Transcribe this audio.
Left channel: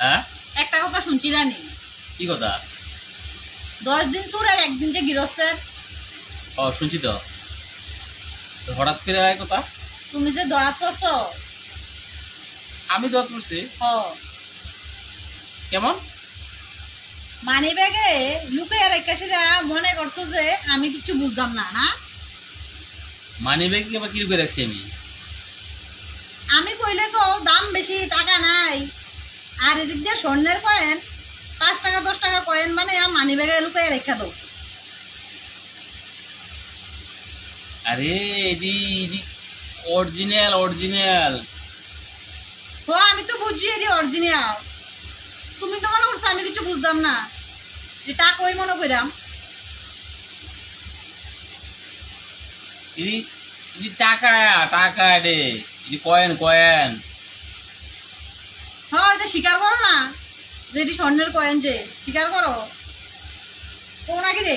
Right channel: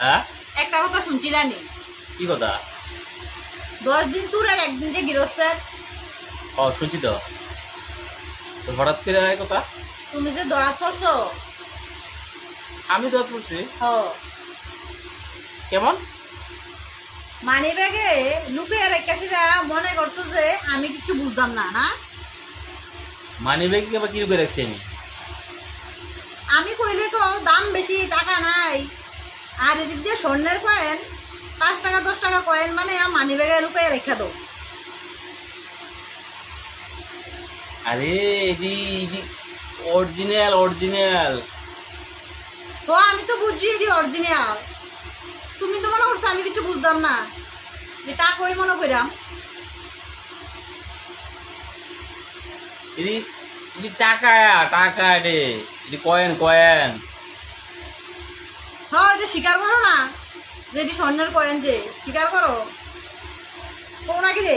হ্যাঁ, একটা কথা শুনছি জানি, কি কথা? 10 দিন চুরের একদিন যে গৃহস্থের। শুনছি তো। তো হঠাৎ করে এই কথা? তুমি যে দরাত পড়ছো। আমি দোয়া পড়ছি? হ, কেমন? মানি ব্যাগে লুকিয়ে রেখে সেটা মনে করছো যে আমি কিছু বুঝতাম না না। মানি ব্যাগ আবার কি করে রাখছি আমি? আমি কইলে তো দাম বেশি, টাকা নাই। আর এদিক দিয়ে স্বর্ণের কয়েন, 5 টাকা 10 টাকা কয়েন মানে মানি ব্যাগে লুকিয়ে রেখে দাও। আরে এটি এটি অরিজিনাল অরিজিনাল। তো আমি তো বুঝছি এটি অরিজিনাল। তুমি তো মনে করছো আমি কিছু বুঝতাম না, যে টাকা ওই মনে কইরাম। এটি এটি টাকা, টাকা এটি, এটি কয়েন কয়েন। হ্যাঁ, এটা স্বীকার করো না যে এটি স্বর্ণের কয়েন, যে স্বীকার করো। কো নাকি রে?